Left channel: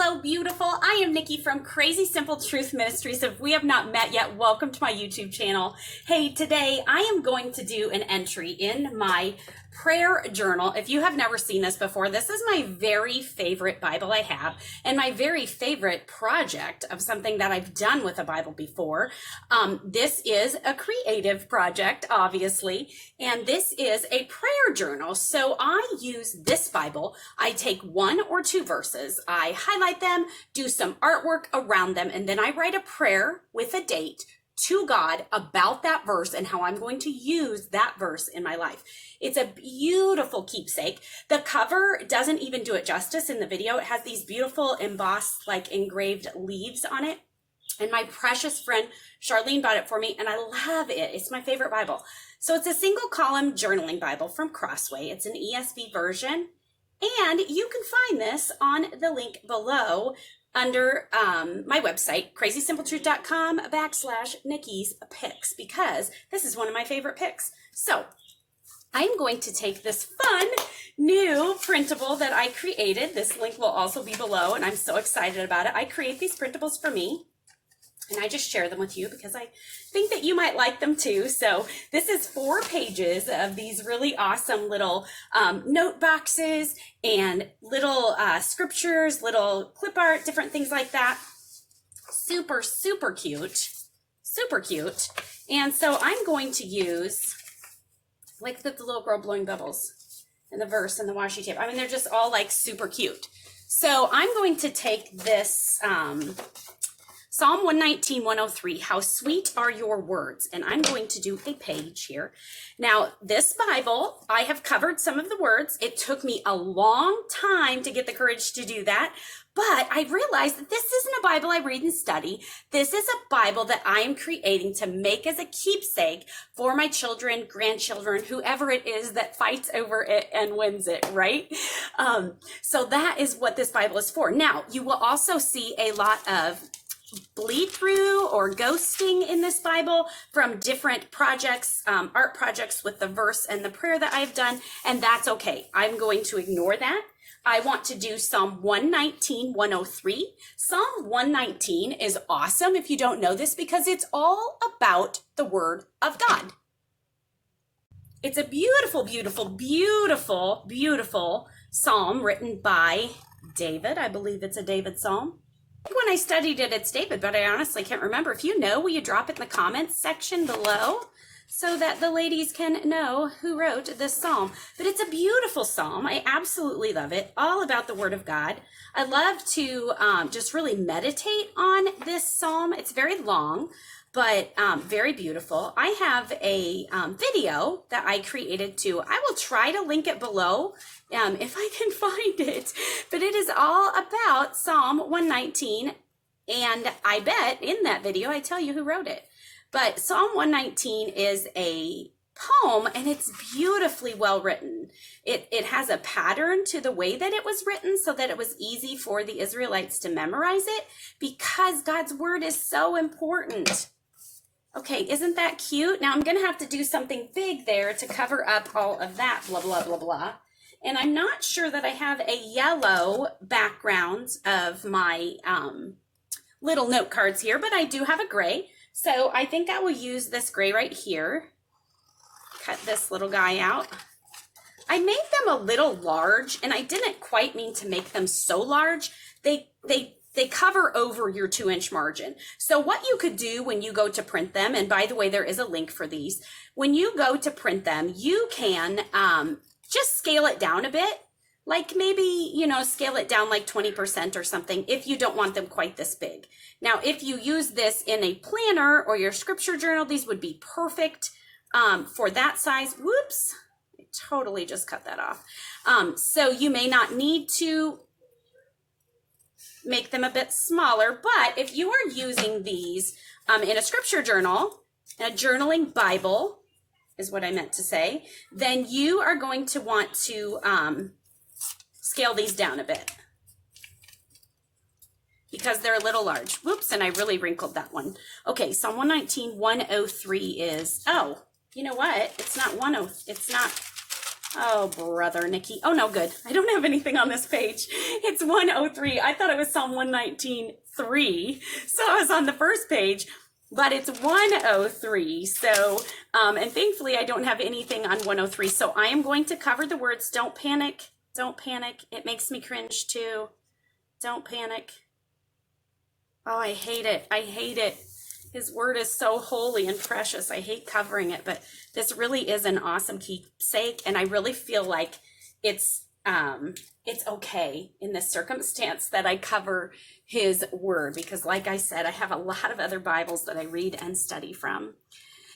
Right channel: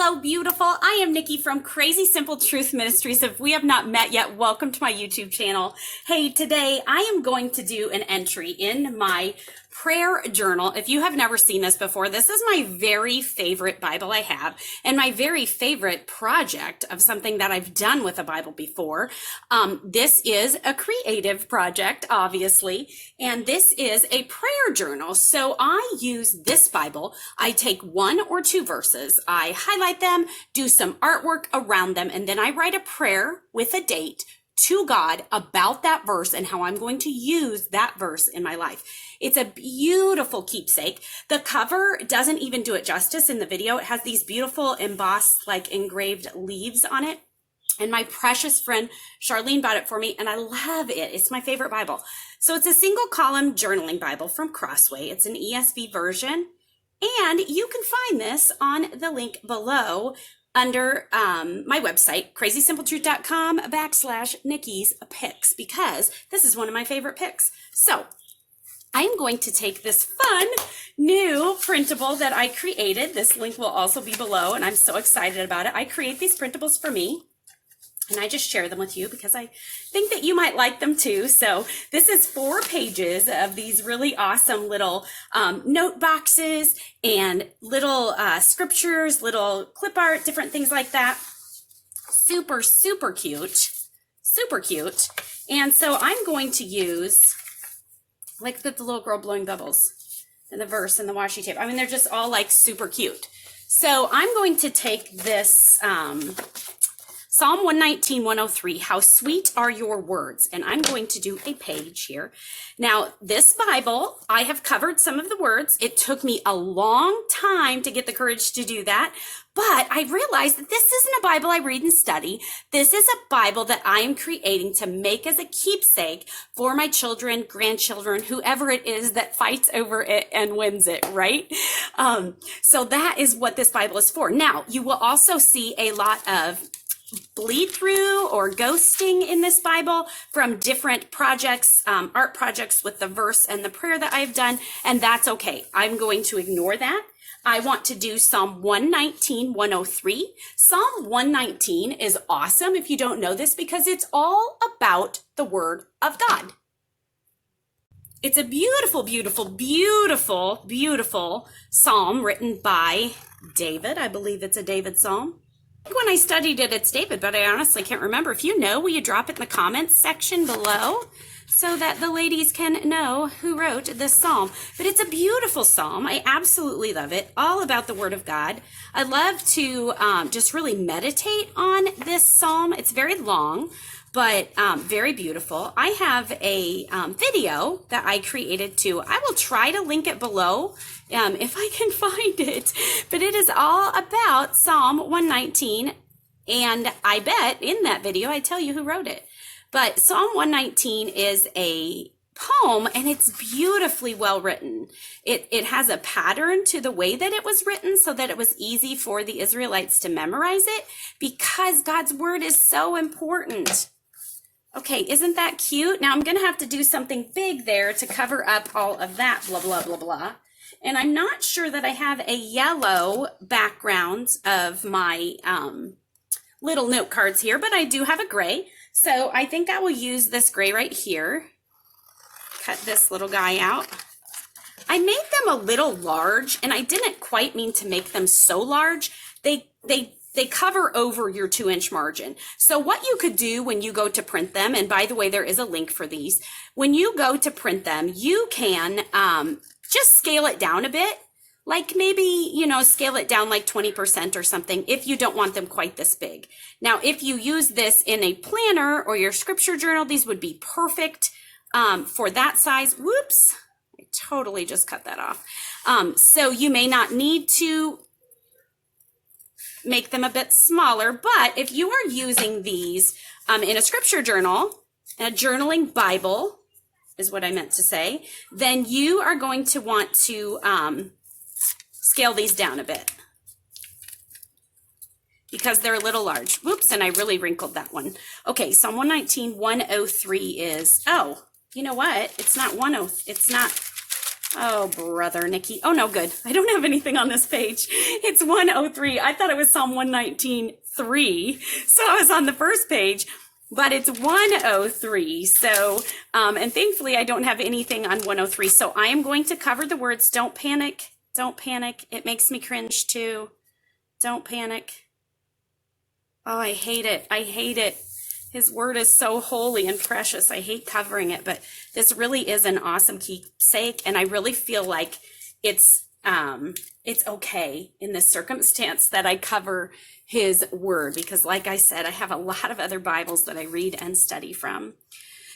Hello, beautiful. I am Nicki from Crazy Simple Truth Ministries. If we have not met yet, welcome to my YouTube channel. Hey, today I am going to do an entry in my prayer journal. If you have never seen this before, this is my very favorite Bible I have and my very favorite project of something that I've done with a Bible before. This is a creative project, obviously, and this is a prayer journal. So I use this Bible. I take one or two verses, I highlight them, do some artwork around them, and then I write a prayer with a date to God about that verse and how I'm going to use that verse in my life. It's a beautiful keepsake. The cover doesn't even do it justice in the video. It has these beautiful embossed, like engraved leaves on it. And my precious friend Charlene bought it for me, and I love it. It's my favorite Bible. So it's a single column journaling Bible from Crossway. It's an ESV version, and you can find this on the link below under my website, crazysimpletruth.com/Nicki's picks, because this is one of my favorite picks. So I'm going to take this fun new printable that I created. This link will also be below, and I'm so excited about it. I create these printables for me, and I just share them with you because I think that you might like them too. So this is 4 pages of these really awesome little note boxes and little scriptures, little clip art, different things like that. Super, super cute. Super cute. And so I'm going to use, like the little girl blowing bubbles and the verse and the washi tape. I mean, they're just all like super cute. So I'm going to take this Psalm 119, 103, how sweet are your words. And I'm going to do a page here. Now, this Bible, I have covered some of the words. It took me a long time to get the courage to do that. But I realized that this isn't a Bible I read and study. This is a Bible that I am creating to make as a keepsake for my children, grandchildren, whoever it is that fights over it and wins it, right? So that is what this Bible is for. Now, you will also see a lot of bleed through or ghosting in this Bible from different projects, art projects with the verse and the prayer that I've done, and that's okay. I'm going to ignore that. I want to do Psalm 119, 103. Psalm 119 is awesome if you don't know this because it's all about the Word of God. It's a beautiful, beautiful, beautiful, beautiful psalm written by David. I believe it's a David psalm. When I studied it, it's David, but I honestly can't remember. If you know, will you drop it in the comments section below so that the ladies can know who wrote this psalm? But it's a beautiful psalm. I absolutely love it. All about the Word of God. I love to just really meditate on this psalm. It's very long, but very beautiful. I have a video that I created too. I will try to link it below if I can find it, but it is all about Psalm 119, and I bet in that video I tell you who wrote it. But Psalm 119 is a poem, and it's beautifully well written. It has a pattern to the way that it was written so that it was easy for the Israelites to memorize it because God's word is so important. Okay, isn't that cute? Now I'm going to have to do something big there to cover up all of that, blah, blah, blah, blah. And I'm not sure that I have a yellow background of my little note cards here, but I do have a gray. So I think I will use this gray right here. Cut this little guy out. I made them a little large, and I didn't quite mean to make them so large. They cover over your 2-inch margin. So what you could do when you go to print them, and by the way, there is a link for these. When you go to print them, you can just scale it down a bit. Like maybe, scale it down like 20% or something if you don't want them quite this big. Now, if you use this in a planner or your scripture journal, these would be perfect for that size. Whoops, I totally just cut that off. So you may not need to make them a bit smaller, but if you are using these in a scripture journal, a journaling Bible is what I meant to say, then you are going to want to scale these down a bit because they're a little large. Whoops, and I really wrinkled that one. Okay, Psalm 119, 103 is, oh, you know what? It's not Oh, brother, Nicki. Oh, no, good. I don't have anything on this page. It's 103. I thought it was Psalm 119:3. So I was on the first page, but it's 103. So, and thankfully I don't have anything on 103. So I am going to cover the words, don't panic, don't panic. It makes me cringe too. Don't panic. Oh, I hate it. I hate it. His word is so holy and precious. I hate covering it, but this really is an awesome keepsake, and I really feel like it's okay in this circumstance that I cover his word, because like I said, I have a lot of other Bibles that I read and study from.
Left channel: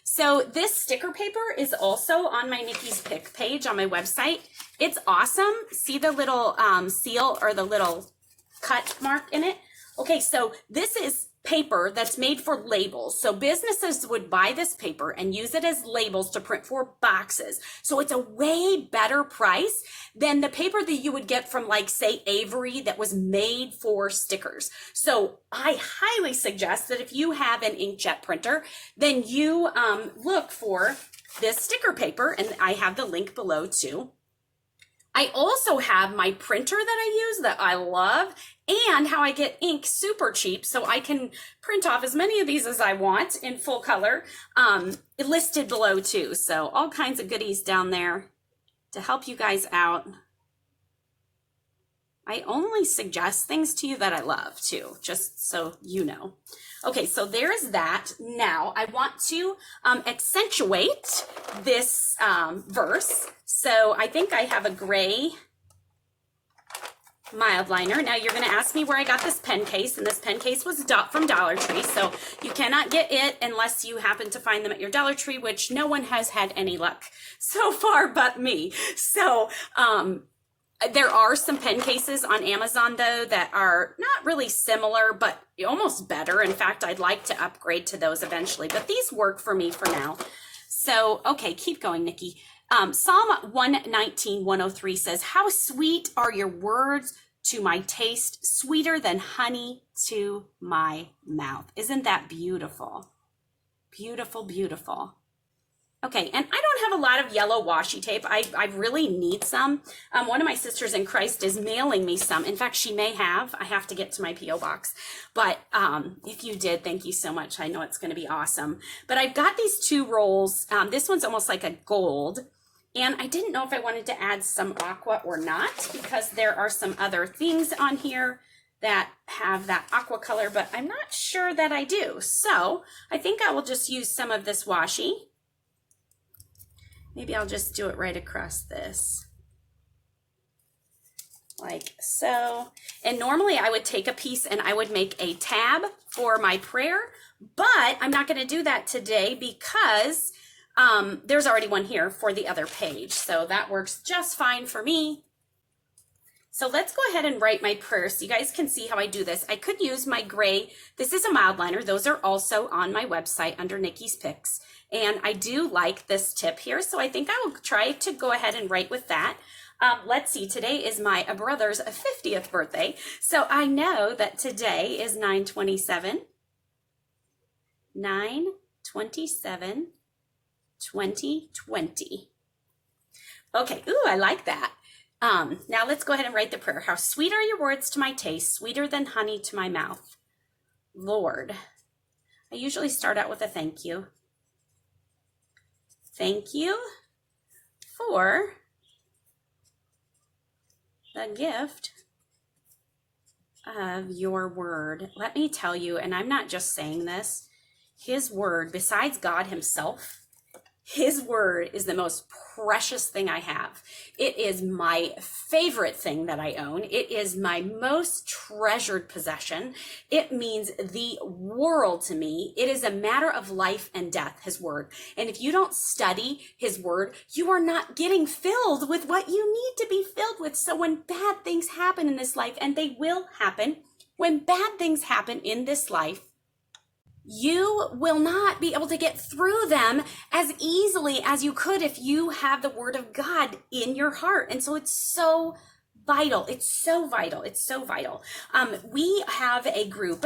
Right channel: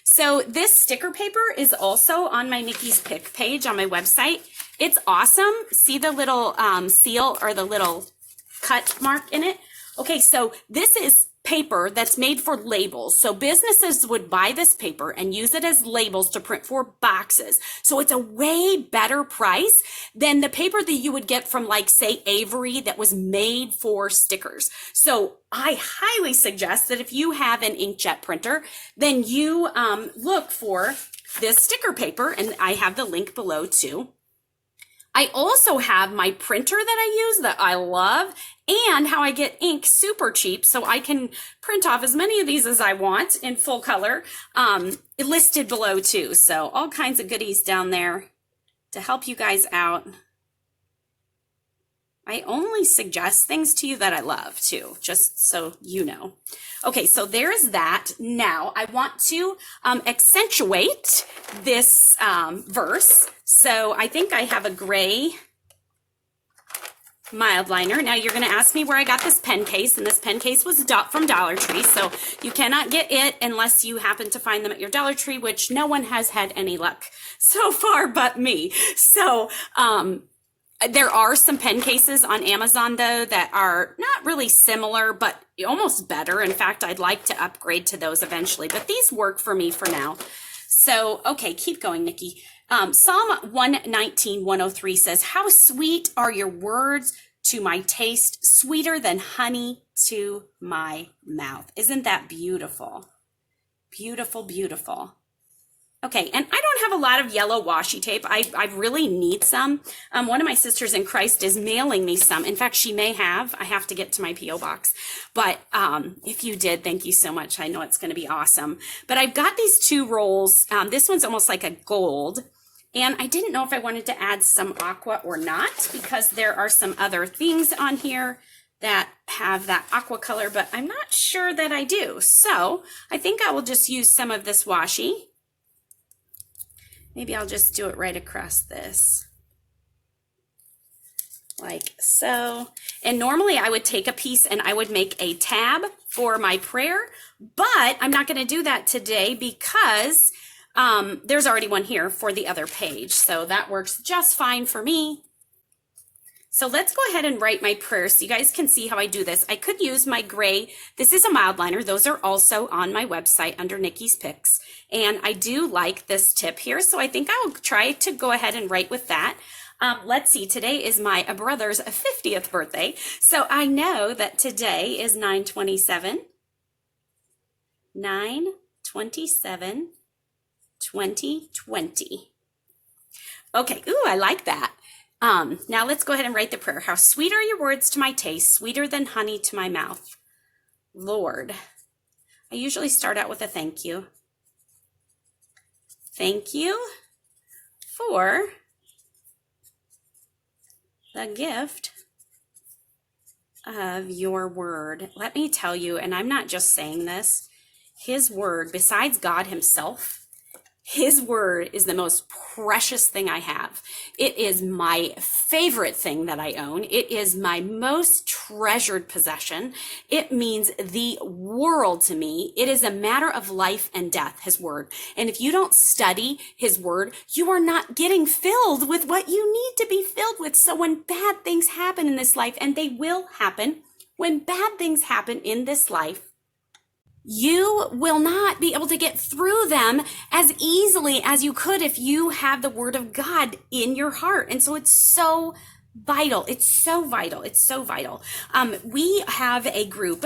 So this sticker paper is also on my Nicki's Pick page on my website. It's awesome. See the little seal or the little cut mark in it? Okay, so this is paper that's made for labels. So businesses would buy this paper and use it as labels to print for boxes. So it's a way better price than the paper that you would get from, like, say, Avery, that was made for stickers. So I highly suggest that if you have an inkjet printer, then you look for this sticker paper, and I have the link below too. I also have my printer that I use that I love, and how I get ink super cheap so I can print off as many of these as I want in full color, listed below too. So all kinds of goodies down there to help you guys out. I only suggest things to you that I love too, just so you know. Okay, so there's that. Now I want to accentuate this verse. So I think I have a gray mild liner. Now you're going to ask me where I got this pen case, and this pen case was from Dollar Tree. So you cannot get it unless you happen to find them at your Dollar Tree, which no one has had any luck so far but me. So there are some pen cases on Amazon, though, that are not really similar, but almost better. In fact, I'd like to upgrade to those eventually, but these work for me for now. So, okay, keep going, Nicki. Psalm 119:103 says, "How sweet are your words to my taste, sweeter than honey to my mouth." Isn't that beautiful? Beautiful, beautiful. Okay, and I don't have a lot of yellow washi tape. I really need some. One of my sisters in Christ is mailing me some. In fact, she may have. I have to get to my P.O. box. But if you did, thank you so much. I know it's going to be awesome. But I've got these two rolls. This one's almost like a gold. And I didn't know if I wanted to add some aqua or not, because there are some other things on here that have that aqua color, but I'm not sure that I do. So I think I will just use some of this washi. Maybe I'll just do it right across this, like so. And normally I would take a piece and I would make a tab for my prayer, but I'm not going to do that today because there's already one here for the other page. So that works just fine for me. So let's go ahead and write my prayer so you guys can see how I do this. I could use my gray. This is a mild liner. Those are also on my website under Nicki's Picks. And I do like this tip here, so I think I'll try to go ahead and write with that. Let's see, today is my brother's 50th birthday. So I know that today is 9/27. 9/27/2020. Okay, ooh, I like that. Now let's go ahead and write the prayer. How sweet are your words to my taste, sweeter than honey to my mouth. Lord, I usually start out with a thank you. Thank you for the gift of your word. Let me tell you, and I'm not just saying this, his word, besides God himself, his word is the most precious thing I have. It is my favorite thing that I own. It is my most treasured possession. It means the world to me. It is a matter of life and death, his word. And if you don't study his word, you are not getting filled with what you need to be filled with. So when bad things happen in this life, and they will happen, when bad things happen in this life, you will not be able to get through them as easily as you could if you have the word of God in your heart. And so it's so Vital. It's so vital. It's so vital. We have a group,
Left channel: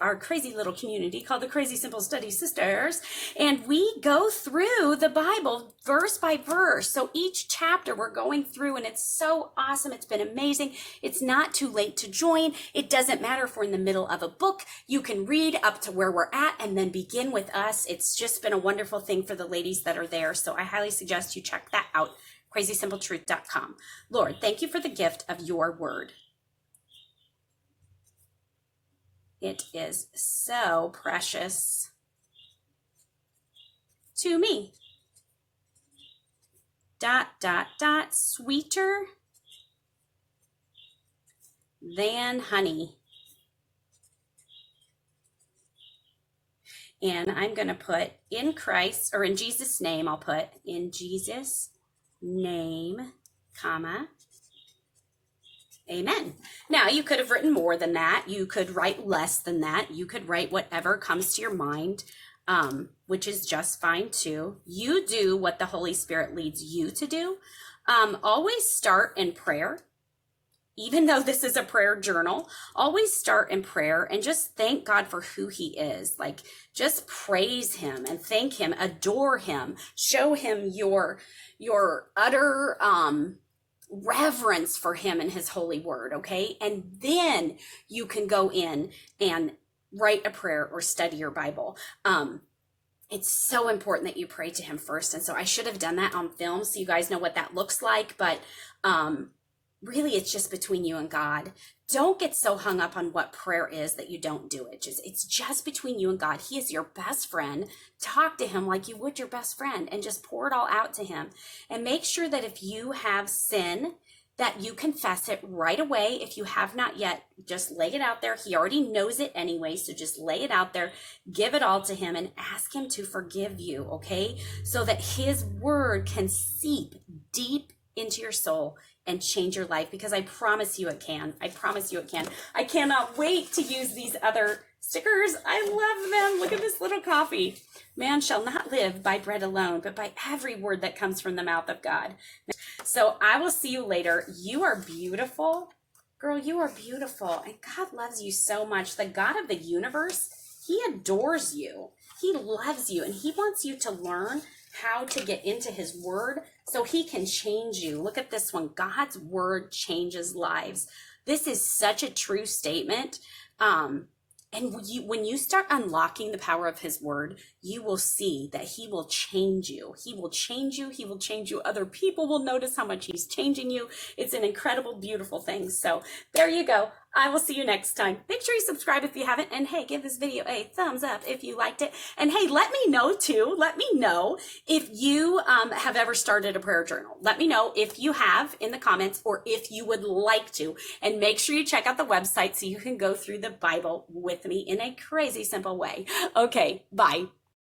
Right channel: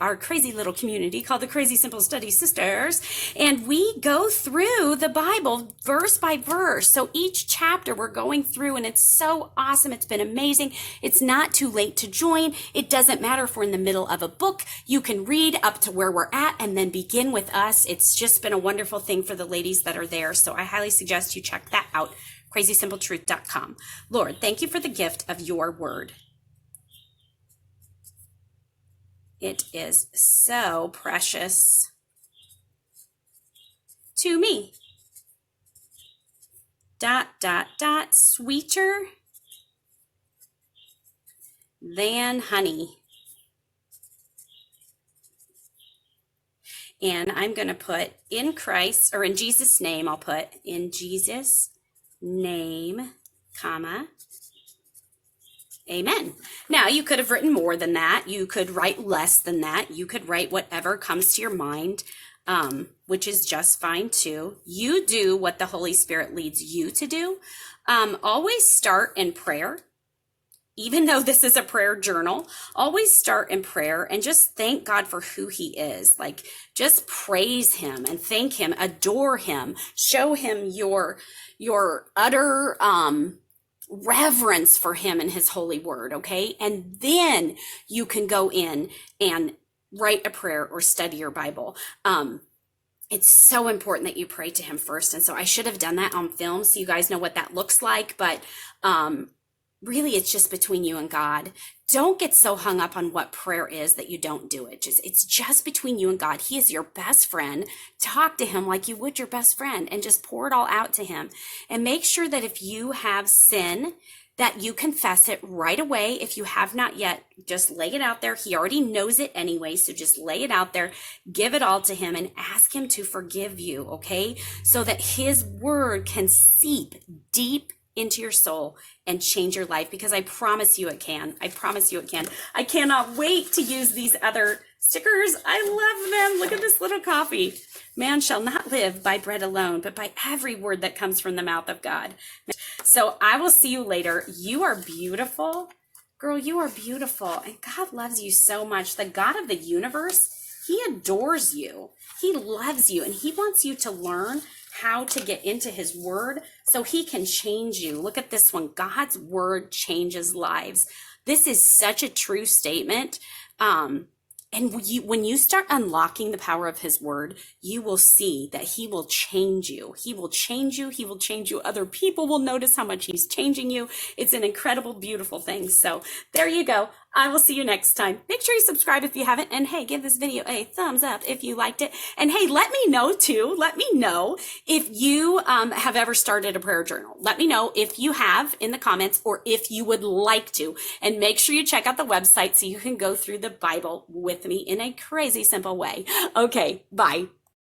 our crazy little community called the Crazy Simple Study Sisters, and we go through the Bible verse by verse. So each chapter we're going through, and it's so awesome. It's been amazing. It's not too late to join. It doesn't matter if we're in the middle of a book. You can read up to where we're at and then begin with us. It's just been a wonderful thing for the ladies that are there. So I highly suggest you check that out. crazysimpletruth.com. Lord, thank you for the gift of your word. It is so precious to me. ... Sweeter than honey. And I'm going to put in Christ, or in Jesus' name, I'll put in Jesus' name, comma, amen. Now, you could have written more than that. You could write less than that. You could write whatever comes to your mind, which is just fine too. You do what the Holy Spirit leads you to do. Always start in prayer. Even though this is a prayer journal, always start in prayer and just thank God for who he is. Like, just praise him and thank him, adore him, show him your utter reverence for him and his holy word, okay? And then you can go in and write a prayer or study your Bible. It's so important that you pray to him first. And so I should have done that on film so you guys know what that looks like. But really, it's just between you and God. Don't get so hung up on what prayer is that you don't do it. It's just between you and God. He is your best friend. Talk to him like you would your best friend and just pour it all out to him. And make sure that if you have sin, that you confess it right away. If you have not yet, just lay it out there. He already knows it anyway, so just lay it out there, give it all to him, and ask him to forgive you, okay? So that his word can seep deep into your soul and change your life, because I promise you it can. I promise you it can. I cannot wait to use these other stickers. I love them. Look at this little coffee. Man shall not live by bread alone, but by every word that comes from the mouth of God. So I will see you later. You are beautiful. Girl, you are beautiful. And God loves you so much. The God of the universe, he adores you. He loves you, and he wants you to learn how to get into his word so he can change you. Look at this one. God's word changes lives. This is such a true statement. And when you start unlocking the power of his word, you will see that he will change you. He will change you. He will change you. Other people will notice how much he's changing you. It's an incredible, beautiful thing. So there you go. I will see you next time. Make sure you subscribe if you haven't. And hey, give this video a thumbs up if you liked it. And hey, let me know too. Let me know if you have ever started a prayer journal. Let me know if you have in the comments, or if you would like to. And make sure you check out the website so you can go through the Bible with me in a crazy simple way. Okay, bye.